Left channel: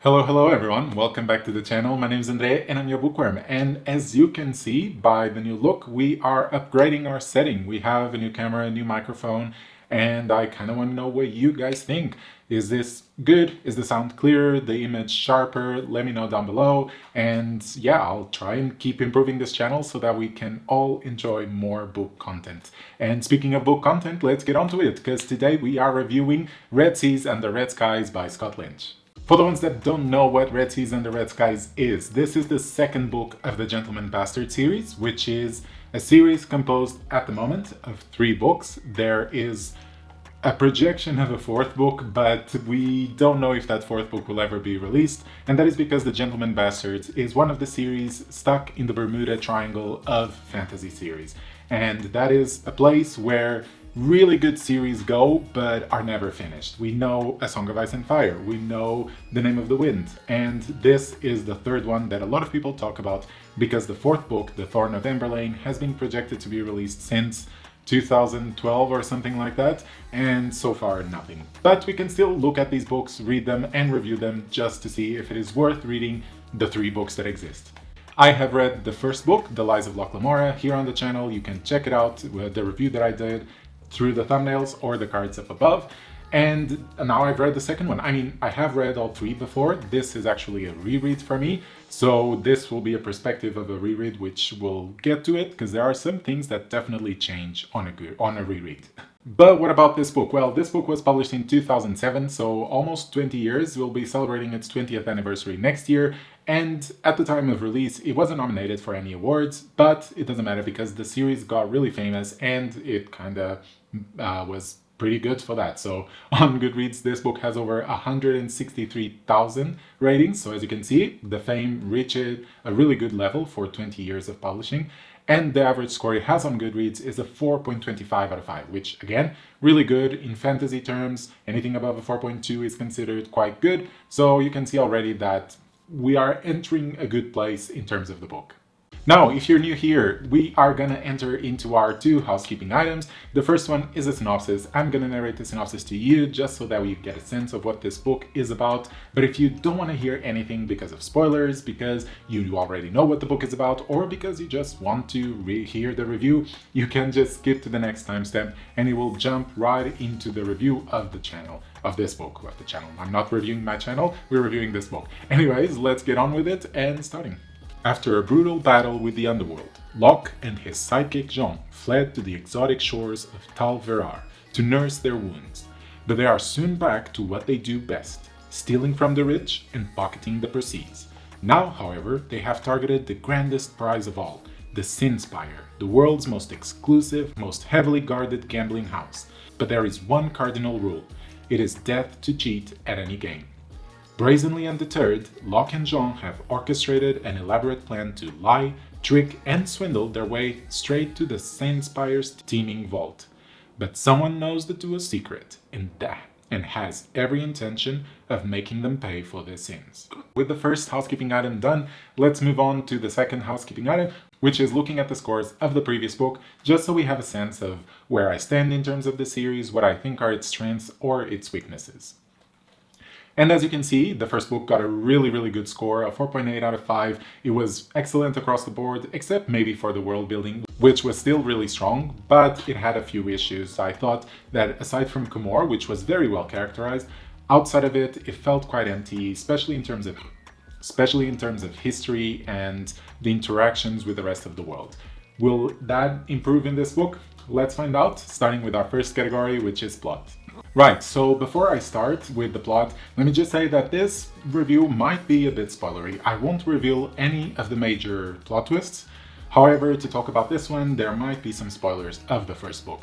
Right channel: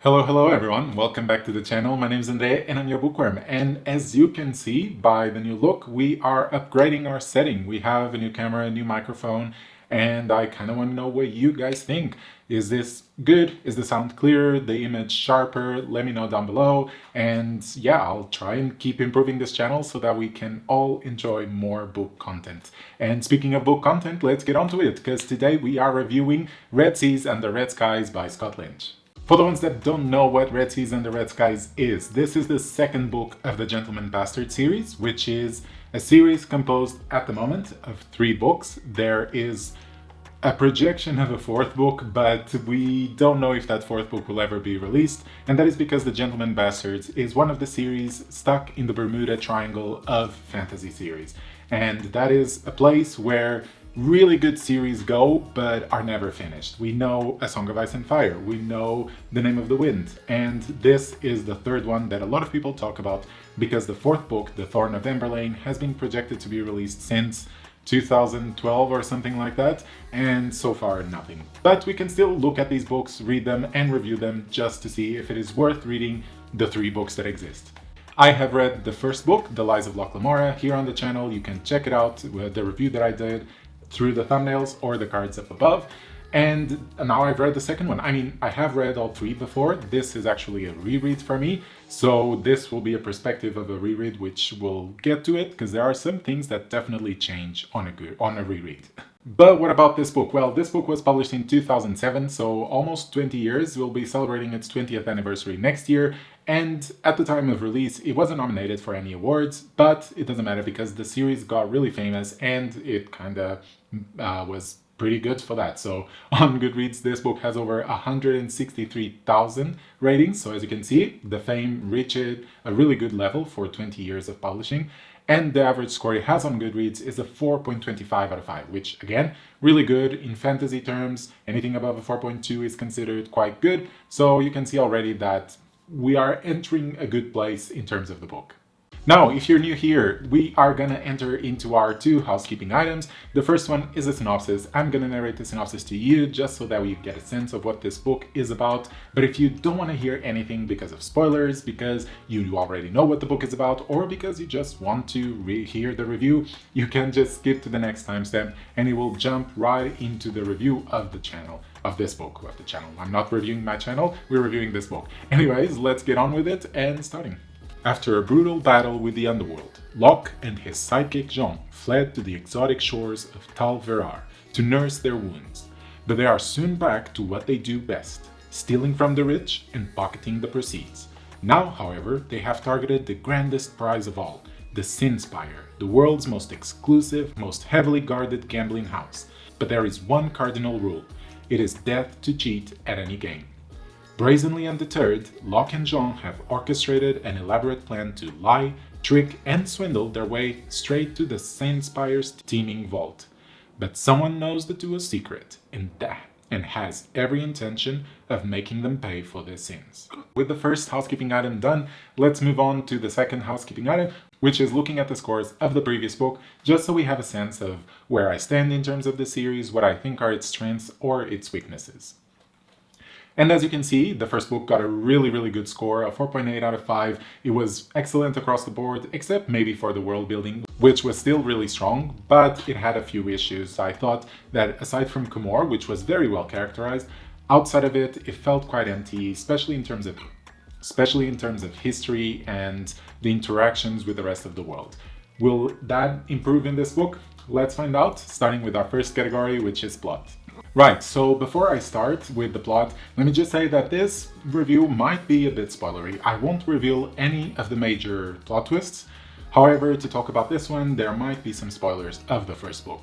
Hello everyone. Welcome back to the channel. My name is Andre and I'm your bookworm. And as you can see by the new look, we are upgrading our setting. We have a new camera, a new microphone, and I kind of want to know what you guys think. Is this good? Is the sound clearer? The image sharper? Let me know down below. And yeah, I'll try and keep improving this channel so that we can all enjoy more book content. And speaking of book content, let's get on to it, because today we are reviewing Red Seas and the Red Skies by Scott Lynch. For the ones that don't know what Red Seas and the Red Skies is, this is the second book of the Gentleman Bastard series, which is a series composed at the moment of 3 books. There is a projection of a 4th book, but we don't know if that 4th book will ever be released, and that is because the Gentleman Bastard is one of the series stuck in the Bermuda Triangle of fantasy series. And that is a place where really good series go, but are never finished. We know A Song of Ice and Fire, we know The Name of the Wind, and this is the 3rd one that a lot of people talk about because the 4th book, The Thorn of Emberlane, has been projected to be released since 2012 or something like that, and so far nothing. But we can still look at these books, read them, and review them just to see if it is worth reading the 3 books that exist. I have read the first book, The Lies of Locke Lamora, here on the channel. You can check it out with the review that I did through the thumbnails or the cards up above. And now I've read the second one. I mean, I have read all 3 before. This is actually a reread for me. So this will be a perspective of a reread, which we'll get to it, because there are some things that definitely change on a reread. But what about this book? Well, this book was published in 2007, so almost 20 years. We'll be celebrating its 20th anniversary next year. And at the time of release, it wasn't nominated for any awards, but it doesn't matter because the series got really famous and it kind of was pretty good for that. So on Goodreads, this book has over 163,000 ratings. So as you can see, the fame reached a really good level for 20 years of publishing. And the average score it has on Goodreads is a 4.25 out of 5, which again, really good in fantasy terms. Anything above a 4.2 is considered quite good. So you can see already that we are entering a good place in terms of the book. Now, if you're new here, we are going to enter into our 2 housekeeping items. The first one is a synopsis. I'm going to narrate the synopsis to you just so that we get a sense of what this book is about. But if you don't want to hear anything because of spoilers, because you already know what the book is about, or because you just want to hear the review, you can just skip to the next timestamp and you will jump right into the review of the channel. Of this book, of the channel. I'm not reviewing my channel, we're reviewing this book. Anyways, let's get on with it and starting. After a brutal battle with the underworld, Locke and his sidekick Jean fled to the exotic shores of Tal Verar to nurse their wounds. But they are soon back to what they do best, stealing from the rich and pocketing the proceeds. Now, however, they have targeted the grandest prize of all, the Sinspire, the world's most exclusive, most heavily guarded gambling house. But there is one cardinal rule. It is death to cheat at any game. Brazenly undeterred, Locke and Jean have orchestrated an elaborate plan to lie, trick, and swindle their way straight to the Sinspire's teeming vault. But someone knows the duo's secret, and has every intention of making them pay for their sins. With the first housekeeping item done, let's move on to the second housekeeping item, which is looking at the scores of the previous book, just so we have a sense of where I stand in terms of the series, what I think are its strengths or its weaknesses. And as you can see, the first book got a really good score, a 4.8 out of 5. It was excellent across the board, except maybe for the world building, which was still really strong, but it had a few issues. I thought that aside from Comor, which was very well characterized, outside of it, it felt quite empty, especially in terms of history and the interactions with the rest of the world. Will that improve in this book? Let's find out, starting with our first category, which is plot. Right, so before I start with the plot, let me just say that this review might be a bit spoilery. I won't reveal any of the major plot twists. However, to talk about this one, there might be some spoilers of the first book.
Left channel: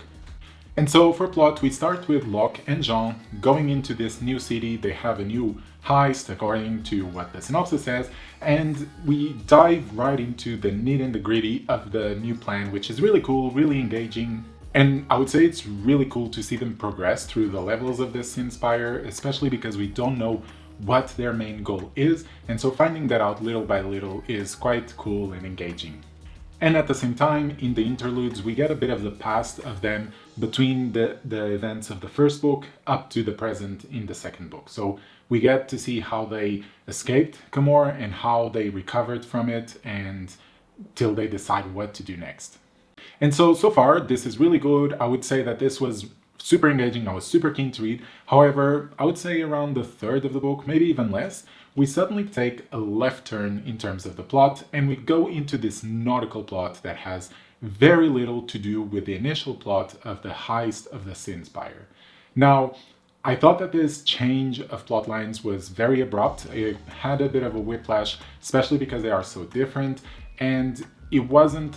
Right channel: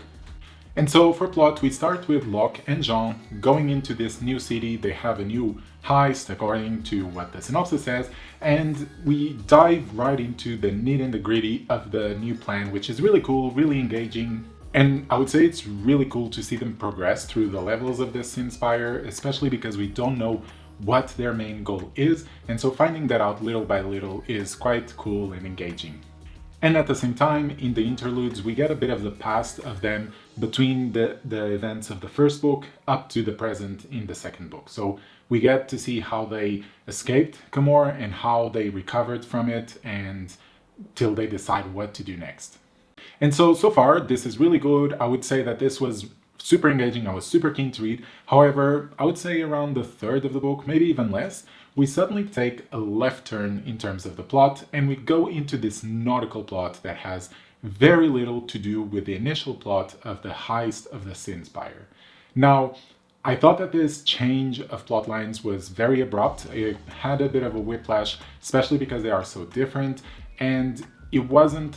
And so for plot, we start with Locke and Jean going into this new city. They have a new heist, according to what the synopsis says, and we dive right into the nitty and the gritty of the new plan, which is really cool, really engaging. And I would say it's really cool to see them progress through the levels of this Sinspire, especially because we don't know what their main goal is, and so finding that out little by little is quite cool and engaging. And at the same time, in the interludes, we get a bit of the past of them between the events of the first book up to the present in the second book. So we get to see how they escaped Camor and how they recovered from it and till they decide what to do next. And so far, this is really good. I would say that this was super engaging. I was super keen to read. However, I would say around the third of the book, maybe even less, we suddenly take a left turn in terms of the plot and we go into this nautical plot that has very little to do with the initial plot of the heist of the Synspire. Now, I thought that this change of plot lines was very abrupt. It had a bit of a whiplash, especially because they are so different, and it wasn't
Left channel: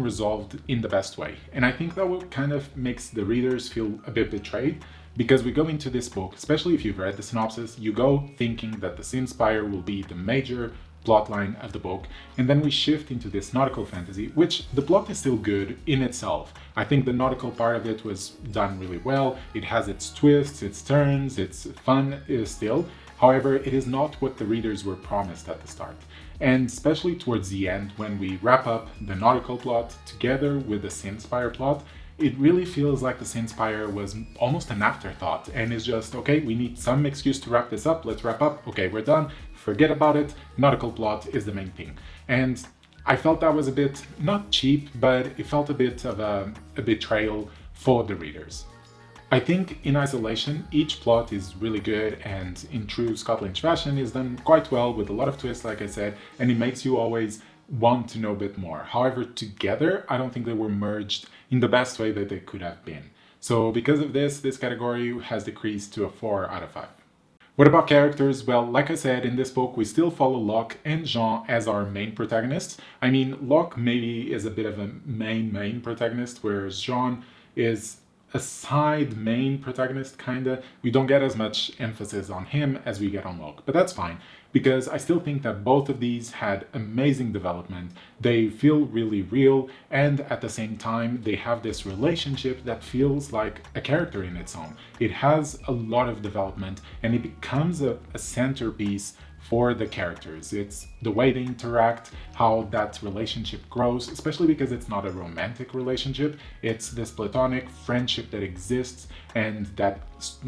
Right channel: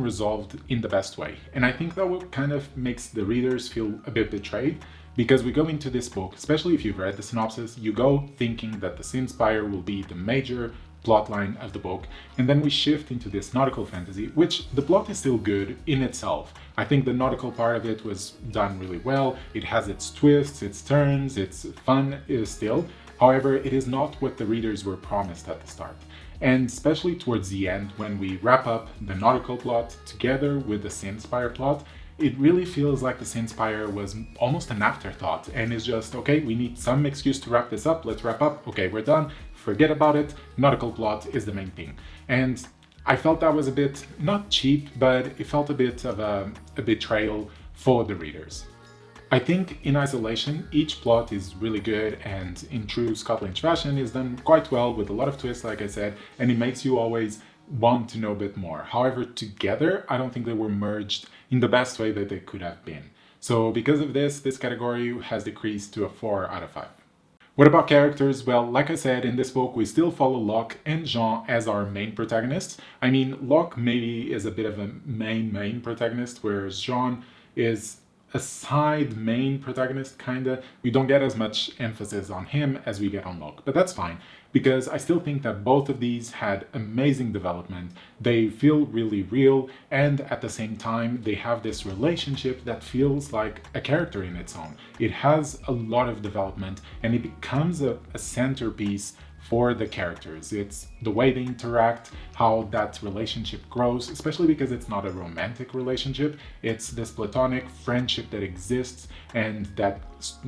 resolved in the best way. And I think that what kind of makes the readers feel a bit betrayed, because we go into this book, especially if you've read the synopsis, you go thinking that the Synspire will be the major plotline of the book, and then we shift into this nautical fantasy, which the plot is still good in itself. I think the nautical part of it was done really well. It has its twists, its turns, it's fun still. However, it is not what the readers were promised at the start. And especially towards the end, when we wrap up the nautical plot together with the Synspire plot, it really feels like the Synspire was almost an afterthought and is just, okay, we need some excuse to wrap this up, let's wrap up, okay, we're done, forget about it, nautical plot is the main thing. And I felt that was a bit, not cheap, but it felt a bit of a betrayal for the readers. I think in isolation, each plot is really good and in true Scott Lynch fashion is done quite well with a lot of twists, like I said, and it makes you always want to know a bit more. However, together, I don't think they were merged in the best way that they could have been. So because of this category has decreased to a 4 out of 5. What about characters? Well, like I said, in this book, we still follow Locke and Jean as our main protagonists. I mean, Locke maybe is a bit of a main protagonist, whereas Jean is a side main protagonist, kinda. We don't get as much emphasis on him as we get on Locke, but that's fine, because I still think that both of these had amazing development. They feel really real, and at the same time, they have this relationship that feels like a character in its own. It has a lot of development, and it becomes a centerpiece for the characters. It's the way they interact, how that relationship grows, especially because it's not a romantic relationship. It's this platonic friendship that exists and that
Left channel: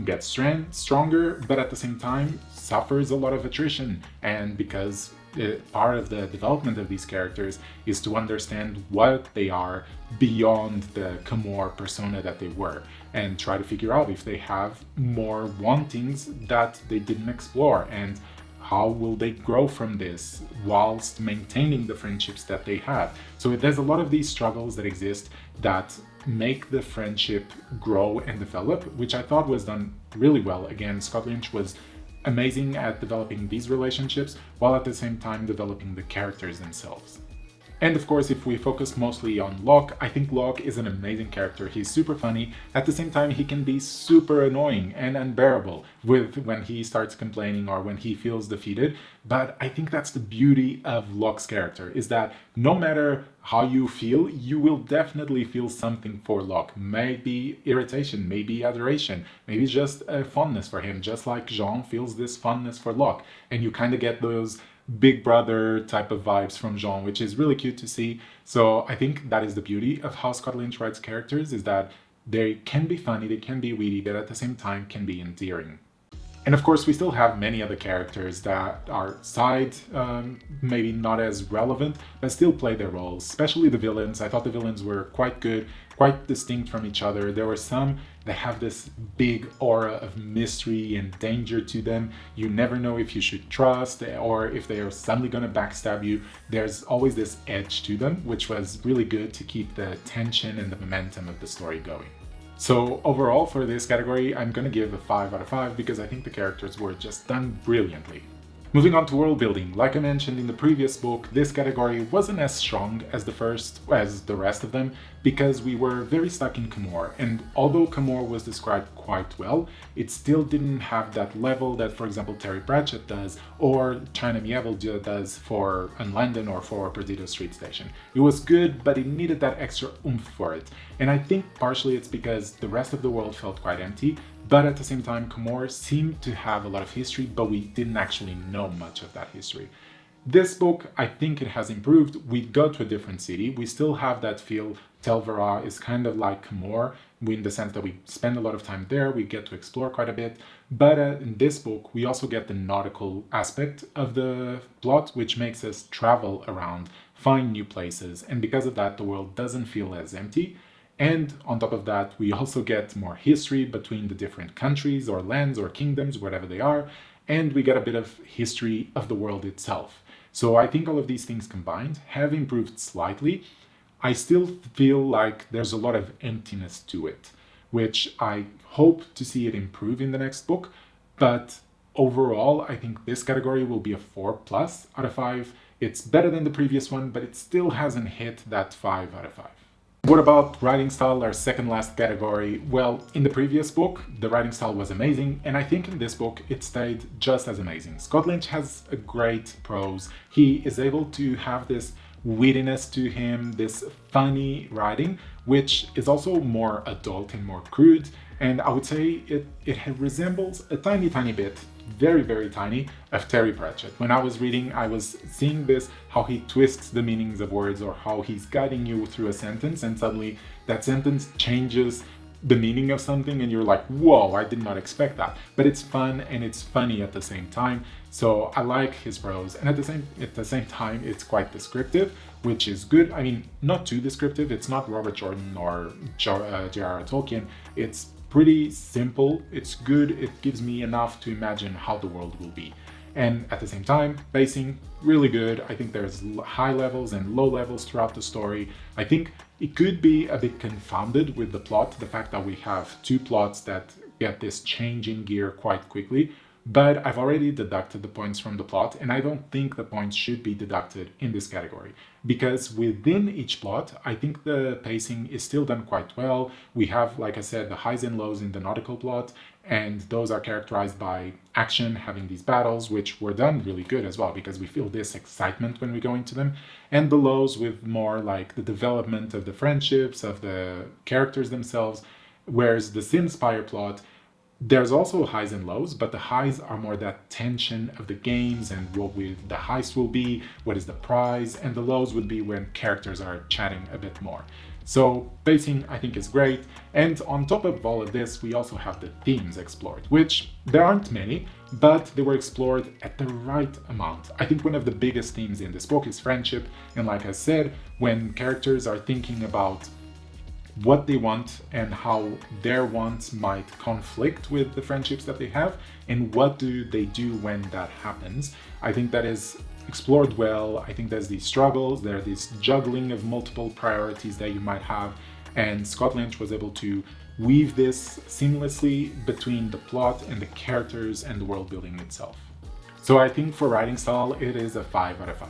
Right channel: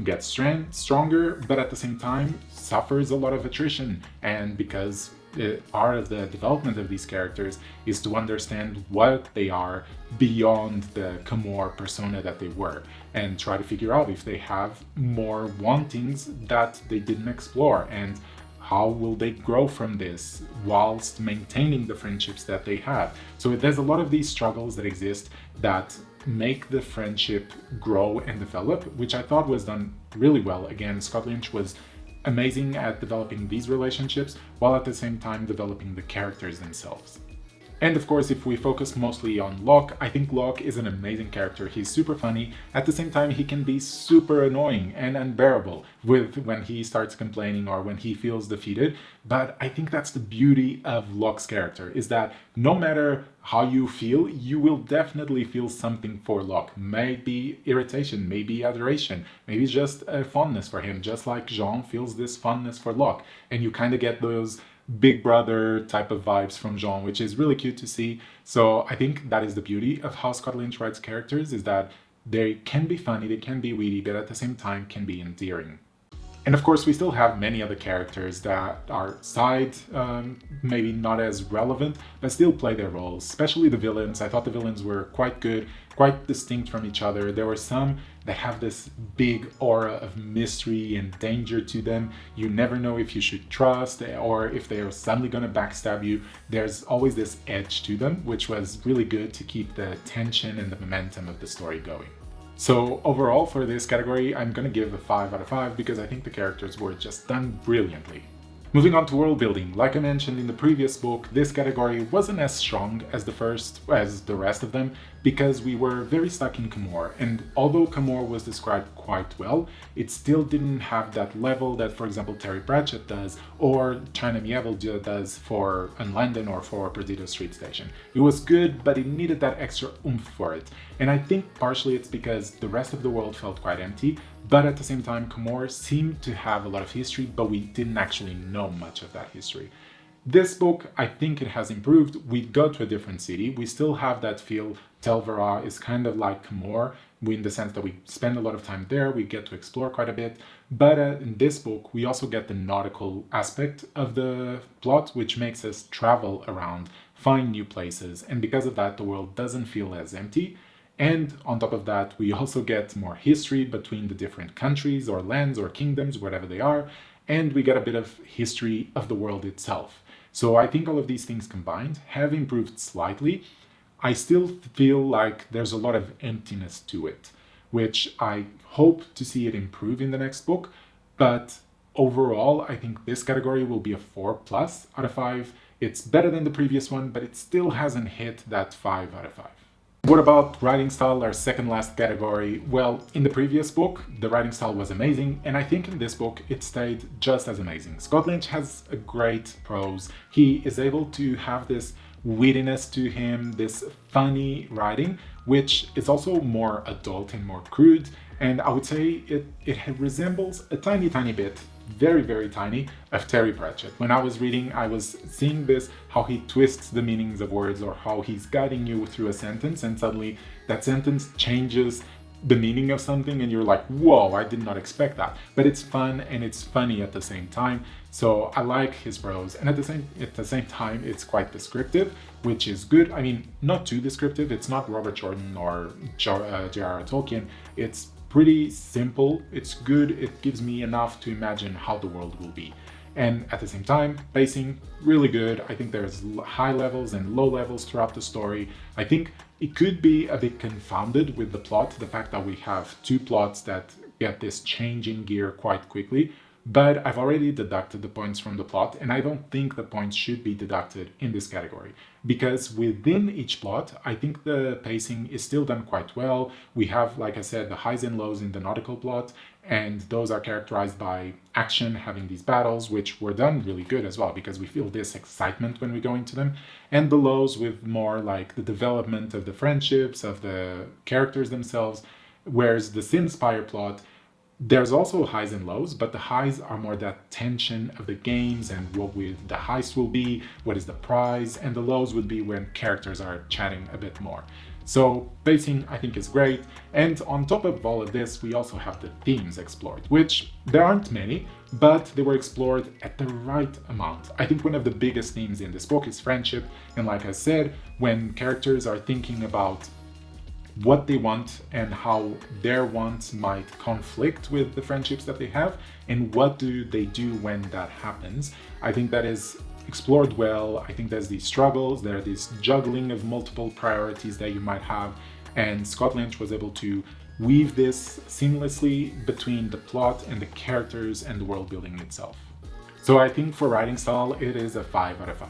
gets stronger, but at the same time suffers a lot of attrition. And because part of the development of these characters is to understand what they are beyond the Camor persona that they were, and try to figure out if they have more wantings that they didn't explore, and how will they grow from this whilst maintaining the friendships that they have. So there's a lot of these struggles that exist that make the friendship grow and develop, which I thought was done really well. Again, Scott Lynch was amazing at developing these relationships while at the same time developing the characters themselves. And of course, if we focus mostly on Locke, I think Locke is an amazing character. He's super funny. At the same time, he can be super annoying and unbearable when he starts complaining or when he feels defeated. But I think that's the beauty of Locke's character, is that no matter how you feel, you will definitely feel something for Locke. Maybe irritation, maybe adoration, maybe just a fondness for him, just like Jean feels this fondness for Locke. And you kind of get those big brother type of vibes from Jean, which is really cute to see. So I think that is the beauty of how Scott Lynch writes characters, is that they can be funny, they can be witty, but at the same time can be endearing. And of course, we still have many other characters that are side, maybe not as relevant, but still play their roles, especially the villains. I thought the villains were quite good, quite distinct from each other. There were some that have this big aura of mystery and danger to them. You never know if you should trust or if they are suddenly going to backstab you. There's always this edge to them, which was really good to keep the tension and the momentum of the story going. So overall, for this category, I'm going to give a 5 out of 5 because I think the characters were just done brilliantly. Moving on to world building, like I mentioned in the previous book, this category wasn't as strong as the rest of them, because we were very stuck in Camor, and although Camor was described quite well, it still didn't have that level that, for example, Terry Pratchett does, or China Miéville does for Unlondon or for Perdido Street Station. It was good, but it needed that extra oomph for it, and I think partially it's because the rest of the world felt quite empty. But at the same time, Camor seemed to have a lot of history, but we didn't actually know much of that history. This book, I think it has improved. We go to a different city. We still have that feel. Telvera is kind of like more, in the sense that we spend a lot of time there. We get to explore quite a bit. But in this book, we also get the nautical aspect of the plot, which makes us travel around, find new places. And because of that, the world doesn't feel as empty. And on top of that, we also get more history between the different countries or lands or kingdoms, whatever they are. And we get a bit of history of the world itself. So I think all of these things combined have improved slightly. I still feel like there's a lot of emptiness to it, which I hope to see it improve in the next book. But overall, I think this category will be a 4 plus out of 5. It's better than the previous one, but it still hasn't hit that 5 out of 5. What about writing style, our second last category? Well, in the previous book, the writing style was amazing, and I think in this book it stayed just as amazing. Scott Lynch has a great prose. He is able to have this wittiness to him, this funny writing, which is also more adult and more crude, and I would say it resembles a tiny bit, very, very tiny, of Terry Pratchett. When I was reading, I was seeing this, how he twists the meanings of words, or how he's guiding you through a sentence, and suddenly that sentence changes the meaning of something, and you're like, whoa, I did not expect that. But it's fun and it's funny at the same time. So I like his prose, and at the same time, it's quite descriptive, which is good. I mean, not too descriptive. It's not Robert Jordan or J.R.R. Tolkien. It's pretty simple, it's good, it gives me enough to imagine how the world will be. And at the same time, pacing, really good. I think there's high levels and low levels throughout the story. I think it could be a bit confounded with the plot, the fact that we have two plots that get this change in gear quite quickly. But I've already deducted the points from the plot, and I don't think the points should be deducted in this category. Because within each plot, I think the pacing is still done quite well. We have, like I said, the highs and lows in the nautical plot, and those are characterized by action, having these battles, which were done really good as well, because we feel this excitement when we go into them. And the lows with more like the development of the friendships, of the characters themselves, whereas the Sinspire plot, there's also highs and lows, but the highs are more that tension of the games and what the heist will be, what is the prize, and the lows would be when characters are chatting a bit more. So pacing, I think, is great. And on top of all of this, we also have the themes explored, which there aren't many, but they were explored at the right amount. I think one of the biggest themes in this book is friendship. And like I said, when characters are thinking about what they want and how their wants might conflict with the friendships that they have, and what do they do when that happens, I think that is explored well. I think there's these struggles, there's this juggling of multiple priorities that you might have, and Scott Lynch was able to weave this seamlessly between the plot and the characters and the world building itself. So I think for writing style, it is a 5 out of 5.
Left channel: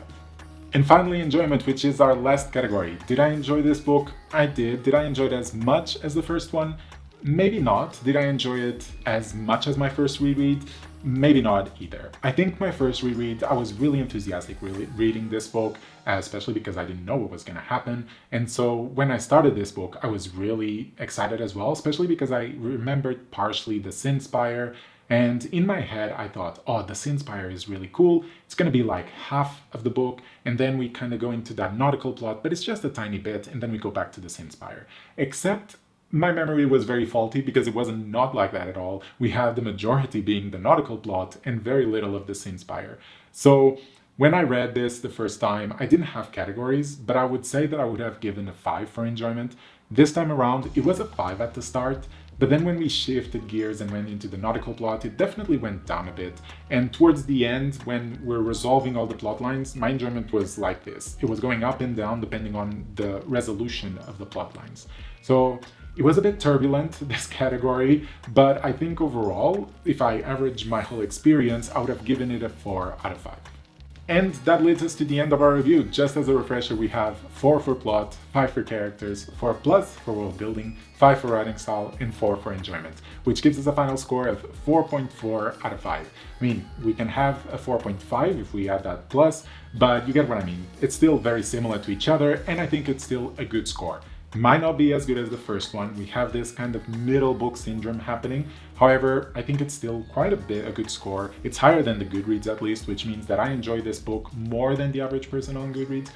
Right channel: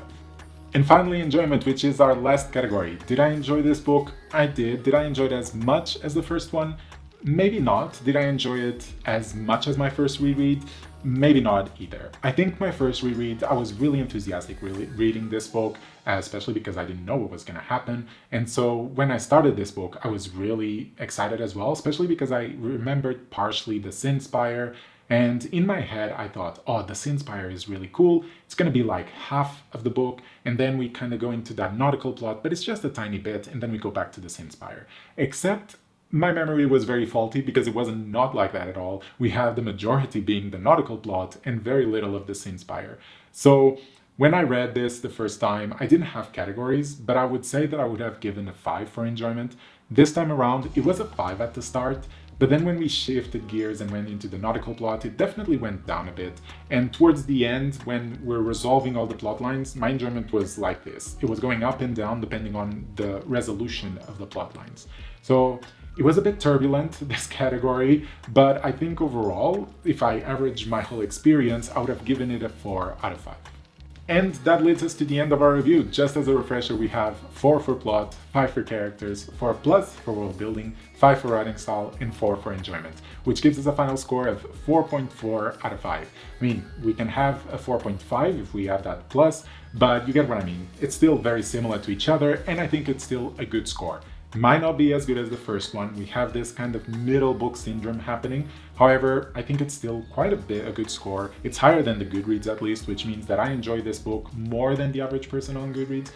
And finally, enjoyment, which is our last category. Did I enjoy this book? I did. Did I enjoy it as much as the first one? Maybe not. Did I enjoy it as much as my first reread? Maybe not either. I think my first reread, I was really enthusiastic reading this book, especially because I didn't know what was going to happen. And so when I started this book, I was really excited as well, especially because I remembered partially the Synspire. And in my head, I thought, oh, the Synspire is really cool. It's going to be like half of the book. And then we kind of go into that nautical plot, but it's just a tiny bit. And then we go back to the Synspire. Except my memory was very faulty because it wasn't not like that at all. We have the majority being the nautical plot and very little of the Synspire. So when I read this the first time, I didn't have categories, but I would say that I would have given a 5 for enjoyment. This time around, it was a 5 at the start. But then when we shifted gears and went into the nautical plot, it definitely went down a bit. And towards the end, when we're resolving all the plot lines, my enjoyment was like this. It was going up and down depending on the resolution of the plot lines. So it was a bit turbulent, this category, but I think overall, if I average my whole experience, I would have given it a 4 out of 5. And that leads us to the end of our review. Just as a refresher, we have 4 for plot, 5 for characters, 4 plus for world building, 5 for writing style, and 4 for enjoyment, which gives us a final score of 4.4 out of 5. I mean, we can have a 4.5 if we add that plus, but you get what I mean. It's still very similar to each other, and I think it's still a good score. Might not be as good as the first one. We have this kind of middle book syndrome happening. However, I think it's still quite a bit a good score. It's higher than the Goodreads at least, which means that I enjoy this book more than the average person on Goodreads.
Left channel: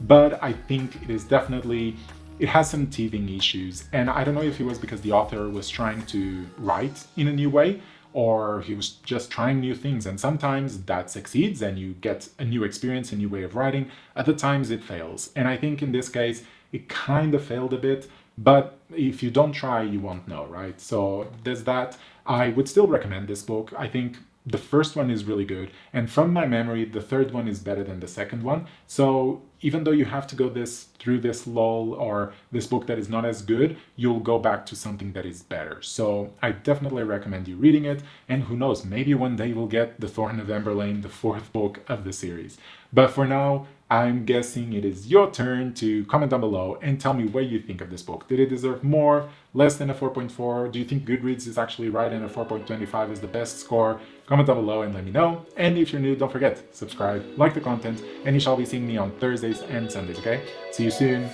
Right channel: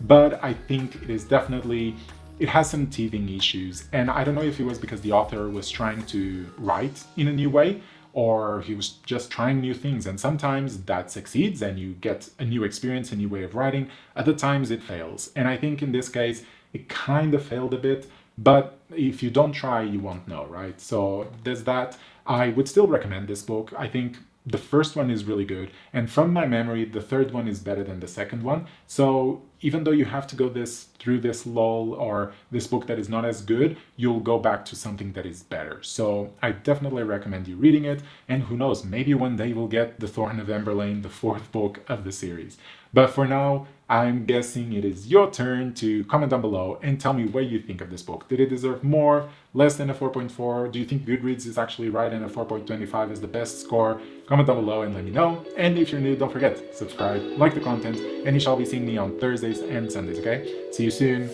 But I think it is definitely, it has some teething issues. And I don't know if it was because the author was trying to write in a new way, or he was just trying new things. And sometimes that succeeds and you get a new experience, a new way of writing. Other times it fails. And I think in this case, it kind of failed a bit. But if you don't try, you won't know, right? So there's that. I would still recommend this book. I think the first one is really good. And from my memory, the third one is better than the second one. So even though you have to go through this lull or this book that is not as good, you'll go back to something that is better. So I definitely recommend you reading it. And who knows, maybe one day we'll get The Thorn of Emberlane, the fourth book of the series. But for now, I'm guessing it is your turn to comment down below and tell me what you think of this book. Did it deserve more, less than a 4.4? Do you think Goodreads is actually right and a 4.25 is the best score? Comment down below and let me know. And if you're new, don't forget, subscribe, like the content, and you shall be seeing me on Thursdays and Sundays, okay? See you soon.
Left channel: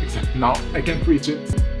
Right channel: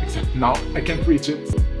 Except now I can't reach it.